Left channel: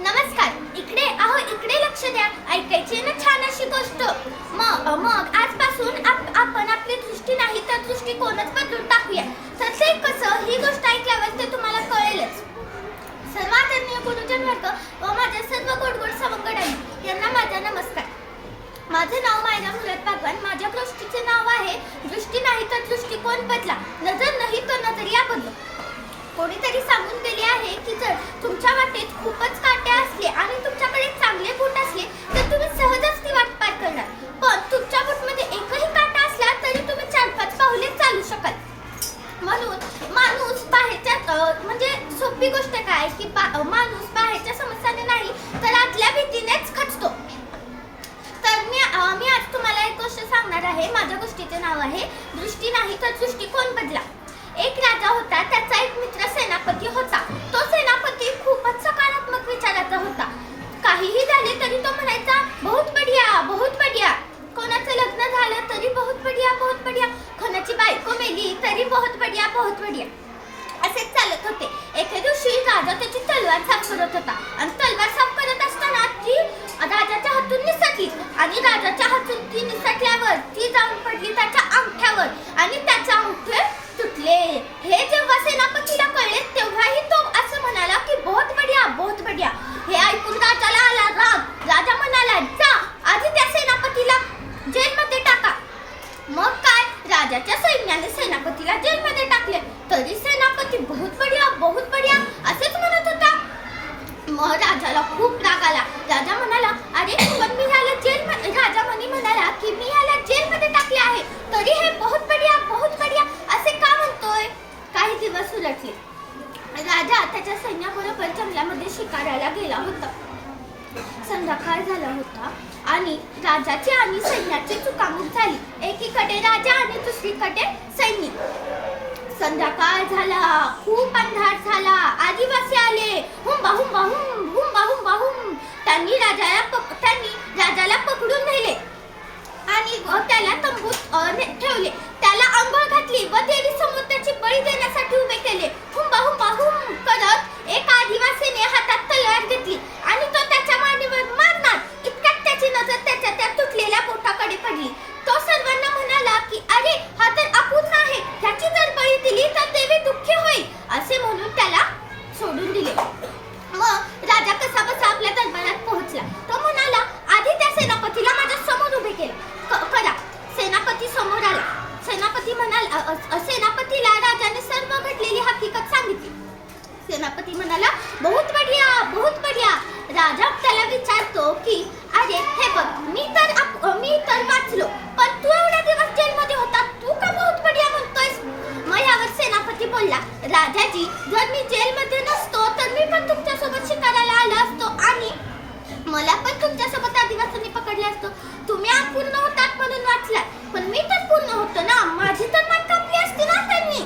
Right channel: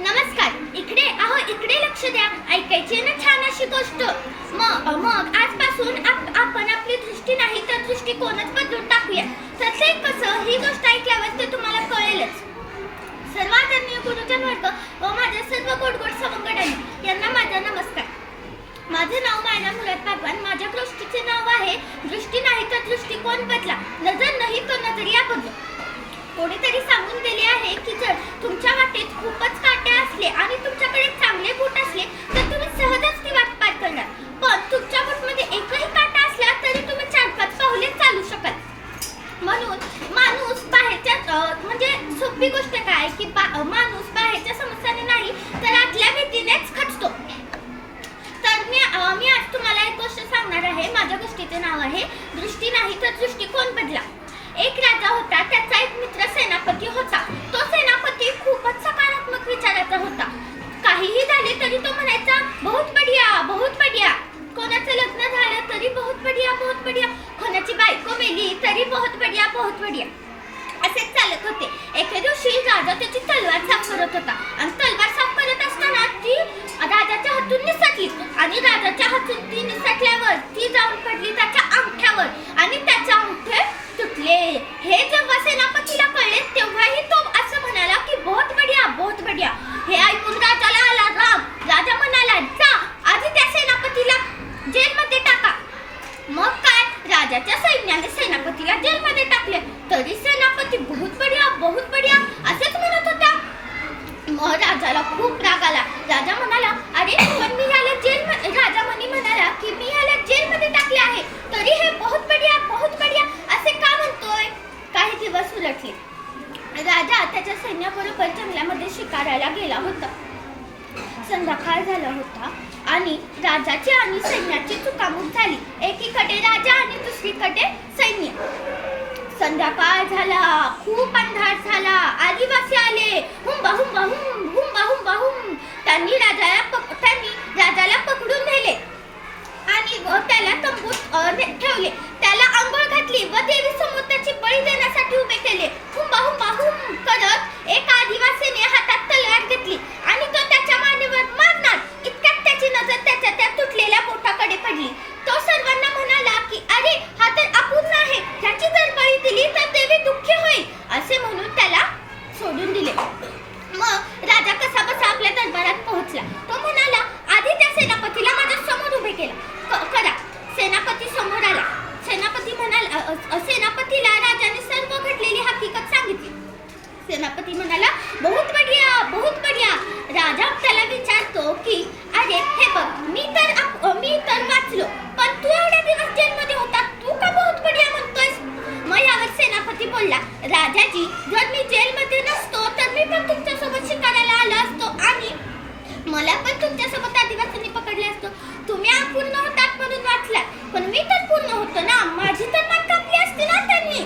नमस्कार. इकडे लक्ष द्या. ऐकायची ना छान अशी गोष्ट. मग आजपासून आपण आपली दृष्टी नाही तर दृष्टिकोनच बदलून टाकूया. तर ते कसं, ही गोष्ट ऐकल्यावर ते तुम्हाला कळेलच. सर्व आदरणीय गुरुजन वर्ग व माझ्या सर्व गोड सवंगड्यांना यांना माझा नमस्कार. माझे नाव मायना मुराद भगवान. माझ्या गोष्टीचे नाव आहे दृष्टी नाही तर दृष्टिकोन बदला, नजर नाही तर नजरिया बदलो. कोणीतरी सांगून दिले आहे की जर तुमच्या वाटेत खूपच काटे असले आणि तुमच्याकडे चांगले बूट असले तर तुम्ही सहजच ती वाट पार करणार. पण तुमच्या बूटमध्ये एकही काटा असला तरी तुम्ही 4-5 पावले चालू शकाल. म्हणून माणूस बाहेरच्या म्हणजे सोपी गोष्ट काय की माणूस बाहेरच्या समस्याने नाही तर आतल्या भीतीनेच खचतो. तर मी आज तुम्हाला एक गोष्ट सांगणार आहे. माझ्या गोष्टीचे नाव आहे दृष्टी नाही तर दृष्टिकोन बदला. एक राजा होता. त्याचा एक मित्र सेनापती होता. तो सेनापती खूपच सकारात्मक विचाराचा होता. काहीही झाले तरी तो म्हणायचा बहुत बढ़िया बहुत बढ़िया. कोणाचं लग्न झालं तरी बहुत बढ़िया बहुत बढ़िया. कोणाची बायको मेली तरी बहुत बढ़िया बहुत बढ़िया. असेच चालत होते. एके दिवशी राजा त्याची तलवार साफ करत होता आणि तलवार साफ करत असताना ती राजाच्या हातून निसटली आणि राजाच्या हातून ती निसटल्यावर ती जाऊन पडली त्याच्या अंगठ्यावर आणि त्याचे अंगठे तुटले. हे जेव्हा सेनापतीला कळले तेव्हाही तो असं म्हणाला की बहुत बढ़िया बहुत बढ़िया. हे ऐकून राजाला आला राग. राजा म्हणाला जा आधी त्या सेनापतीला जेलमध्ये टाका. मग काय, राजाच्या सैन्याने सेनापतीला जेलमध्ये टाकले. तरी सेनापती बहुत बढ़िया असेच म्हणत होता. मग राजाला खूप राग आला. राजा म्हणाला अरे पण मी ह्याला राजा म्हणाला की मी ह्याला जेलमध्ये टाकले आहे तरी हे बहुत बढ़िया असे का म्हणतोय. काही दिवस उलटले. राजा त्याच्या सैन्याबरोबर जंगलामध्ये शिकारायला गेला होता. संध्याकाळ झाला होता आणि राजाची आणि सैन्याची चुकामुक झाली. एकीकडे राजा आणि दुसरीकडे सैन्य. संध्याकाळ झाला, खूप अंधार झाला. आदिवासी आले. हुंबा हुंबा हुम हुंबा हुंबा हुम. त्यांनी राजाला पकडून नेले आणि त्याला तंबूत ठेवले. त्याला अंघोळ घातली व देवी समोर त्याची बळी देण्यासाठी उभे केले. हुंबा हुंबा हुम करत एक आदिवासीने हातात तलवार घेतली आणि तो त्याच्या मानेवर मारणार इतक्यात त्याची नजर त्याच्या त्या तुटलेल्या बोटाकडे पडली. तो सर्वांना म्हणाला की अरे हा तर अपूर्ण आहे. ह्याची जर बळी दिली तर देवी दुःखी होईल असे म्हणून त्याला सोडून दिले. मग राजा कसा बसा आपल्या दरबारात पोहोचला. तो म्हणाला आधी त्या सेनापतीला माझ्या समोर उभे करा. सेनापती समोर आला. सेनापतीला राजाने सर्व घडलेली हकीकत सांगितली. सेनापती म्हणाला बहुत बढ़िया. राजा त्याला विचारतो की अरे हे बघ मी तर वाचलो पण तू एवढा दिवस जेलमध्ये होता, तू का बहुत बढ़िया म्हणतोयस. मग यावर सेनापती बोलला राजाजी जर मी जेलमध्ये नसतो तर मी पण तुमच्यासोबत शिकारायला आलो असतो आणि मला पण तुमच्यासोबत आदिवासींनी पकडले असतो. तुम्ही अपूर्ण होतात म्हणून वाचलात पण मी तर पूर्ण होतो ना. माझी तर मान कापली असती ना त्यांनी.